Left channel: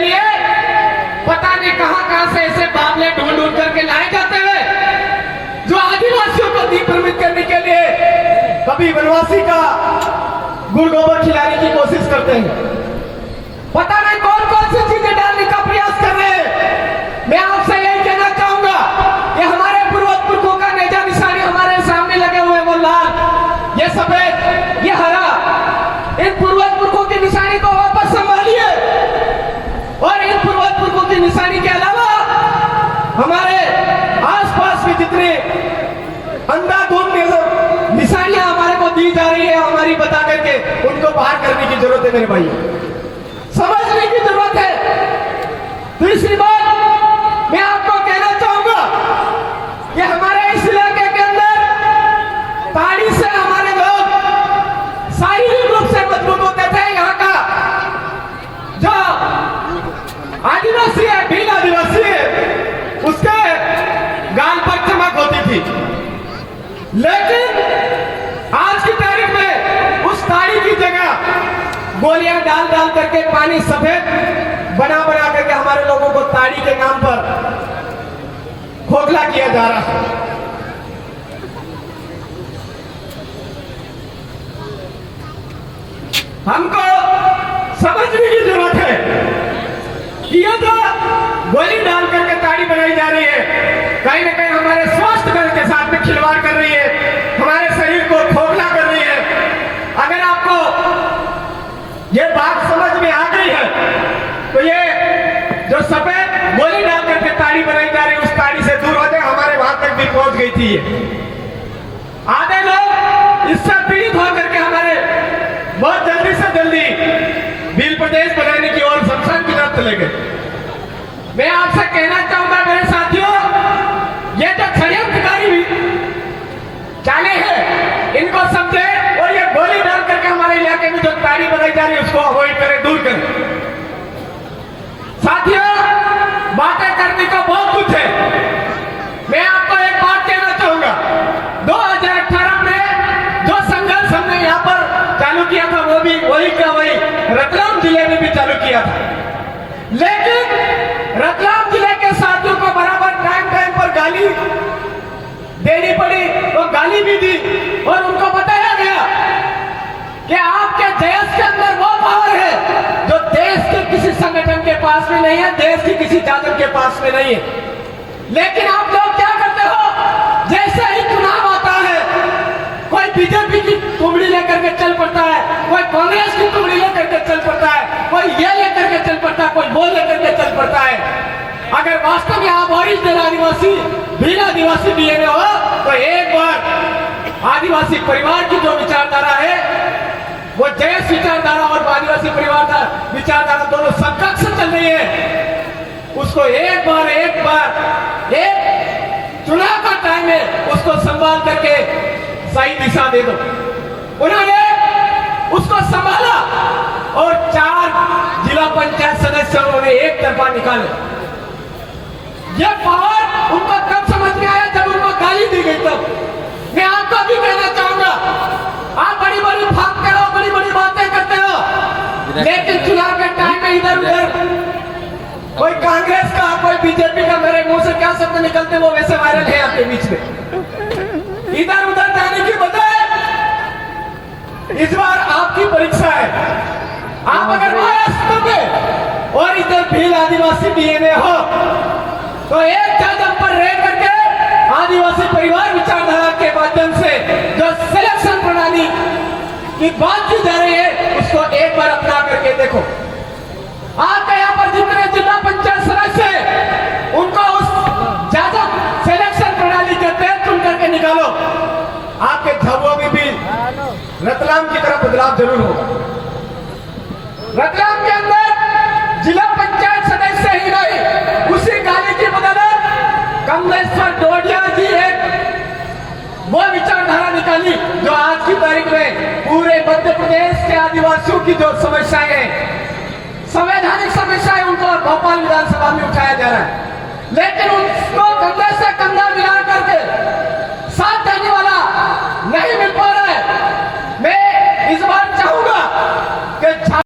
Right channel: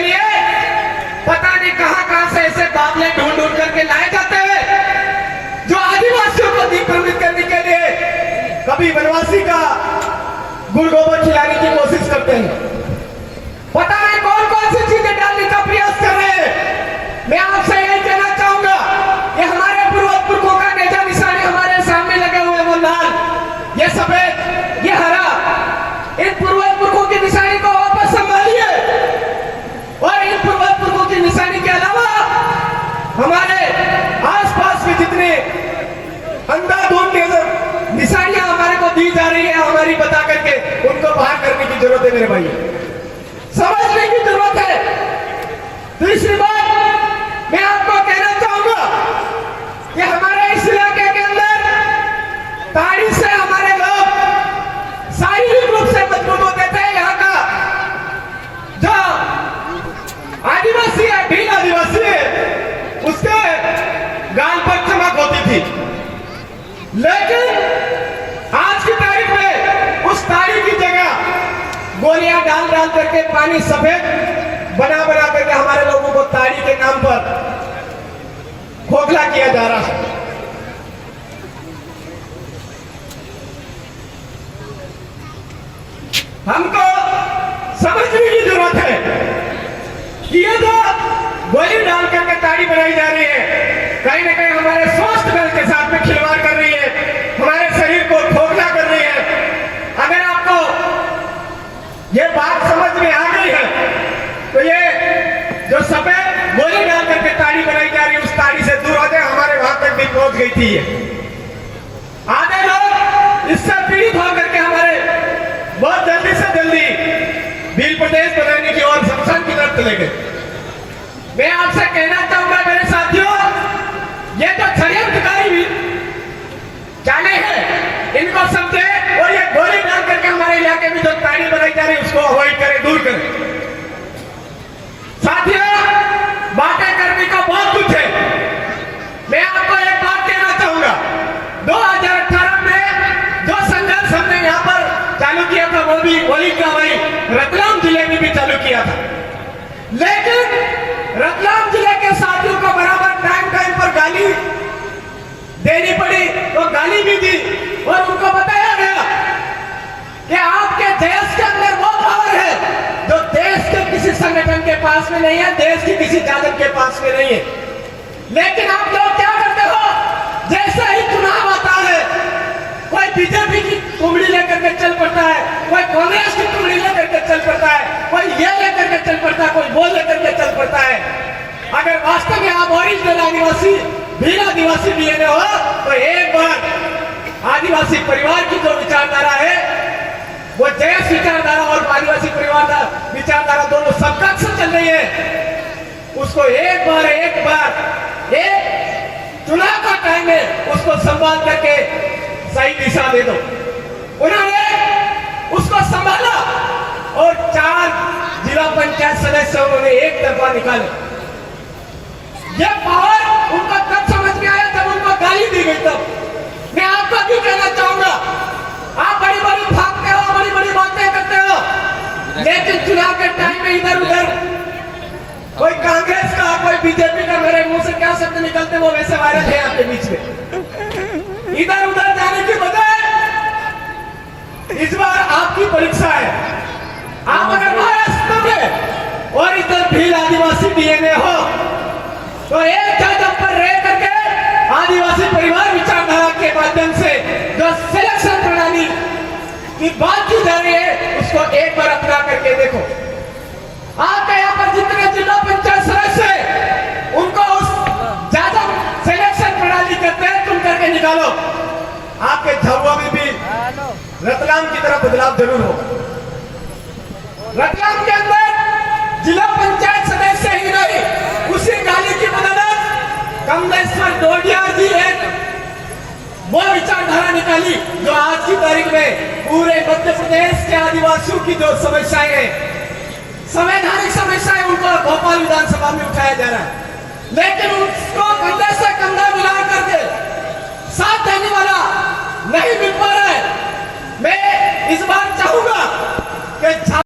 लिए पता नहीं कहां से ऐसे बादले ढूंढ ढूंढ करके लाए जाते हैं जो आदिवासियों को दीपान्वित करने के लिए कभी वनवासी का गुड़ गोबर खिलाने की कोशिश करते हैं। पता नहीं कौन कौन सी चीजें डालने का प्रयास कर रहे हैं। मैं आपसे यही कहना चाहूंगा कि हमारे पूर्वजों का नेजा निशानी हमारे सामने लगे हुए वो लाल, ये सफेद, ये हरा, इन पूर्वजों की निशानी को वापस संभालिए और इन पूर्वजों की निशानी के अलावा हमारे आसपास के जितने अंधाधुंध निशानियां हमारे को दी जा रही है हमारी बता करके उनको बाहर करने की जरूरत है। मेरे भाइयों, समझने की जरूरत है। तीसरी बात मैं आपको कहना चाहूंगा कि हमारे इस इलाके के अंदर ताड़ी से हमारे लोग शारीरिक रूप से मजबूत होते थे। यहाँ का जो आदिवासी है, भील आदिवासी है, उसके गाल पर चमक होती थी, लेकिन आज की तारीख में उस ताड़ी की जगह गोलियां डाल डाल करके पानी सफेद बना बना करके हमारे लोगों को ताड़ी के नाम पर खोखला किया जा रहा है। हमको समझने की जरूरत है कि ये जो गोली डाल करके ताड़ी बनाई जा रही है कहीं ना कहीं हमारे स्वास्थ्य बल के साथ में खिलवाड़ कर रही है, हमारे शरीर को खोखला कर रही है। अगर आपको ये बात समझ में आ गई है तो ये जो सफेद गोली डाल करके ताड़ी बनाई जा रही है उस ताड़ी से दूर हो जाए। हमारे वहां तक भी पहुंच गई थी ये। आधे लोग इससे पीड़ित होकर के हमारे बहुत जल्दी से जल्दी भील प्रदेश बनाने की ओर शमशान की तरफ चले गए। मैं आपसे कहना चाहूंगा मेरे साथियों, ये जो षड्यंत्रकारी चाले हैं इनको समझे और ये गोली डाल करके हमारे इलाके में जो ताड़ी बनाई जा रही है उसको अवॉइड करें, दूर करें। साथियों, बातें करने का बहुत कुछ है। मैं आपको एक बात कहना चाहूंगा, 2018 में जो संघर्ष हमने यहाँ पर चालू किया था वो भी वही का वही रतलाम जिले में भी चालू किया था, लेकिन रतलाम जिले के साथियों को बराबर टाइम टाइम पर गाली देनी पड़ी और गाली भी दी और उनको बताया गया कि आपके देश के अंदर वो पावर है जो देश के किसी संगठन के पास में नहीं है, देश की किसी जादव के पास में नहीं है। लेकिन आप लोग क्या करते हो, जैसे ही चुनाव आता है कोई बीजेपी की कुमड़ी लेकर के चल पड़ता है, कोई कांग्रेस की कुमड़ी लेकर के चल पड़ता है, कोई ये लेकर के चल पड़ता है, कोई वो लेकर के चल पड़ता है। अगर वास्तव में आप ओरिजिनल आदिवासी भील आदिवासी डीएनए हो तो एक बार आदिवासी परिवार की जो विचारधारा है वो देश विचारधारा और आदिवासी परिवार विचारधारा दोनों समकक्ष चल रही है, उसको एक बार चुनाव का टाइम में उसको संभाल करके सही दिशा दे दो। उन्होंने उसको संभाला और 4 जिला पंचायत सदस्य उन्होंने एक तरफा निकाले। यह पावर उनको तब समझ में आया जब उनको गाली दी गई। तब मैं आपको भी कहना चाहूंगा, आप बड़ी बड़ी भागते हो, बड़ी बड़ी बातें करते हो, लेकिन चुनाव के टाइम में इधर उधर कोई कांग्रेस का कोई बीजेपी का मेरे मुंह से क्या शब्द निकलते वो वैसे वायरल है आपके बीच में। इधर उधर जाने की बजाय इस बार आपकी परीक्षा है। आप अगर महाराष्ट्र में और इधर भील आदिवासी डीएनए हो तो एक जगह पर रह करके आदिवासी परिवार विचारधारा के माध्यम से जो सिलेक्शन प्रणाली की बात की जा रही है उसको एक बार अपना करके देखो। आपके यहाँ पर जितने जिला पंचायत सदस्य है उनको उस जादव सिलेक्शन प्रणाली के तहत चुन करके निकालो। आपके झाबुआ में भी रतलाम की तरफ बदलाव जरूर होगा। रतलाम के अंदर जिला पंचायत सदस्य ही नहीं, उसी गाली की बदौलत कमलेश्वर डोडिया जी एक वो विचारधारा निकाली जो आज की तारीख में पूरे मध्य प्रदेश के आदिवासियों की जो समस्याएं हैं, संवैधानिक समस्याएं, उनको भोपाल विधानसभा में उठाया जा रहा है, लेकिन उनको कंधे से कंधा मिला करके साथ देने वाला नहीं मिल पा रहा है। मैं इस बार चाहूंगा कि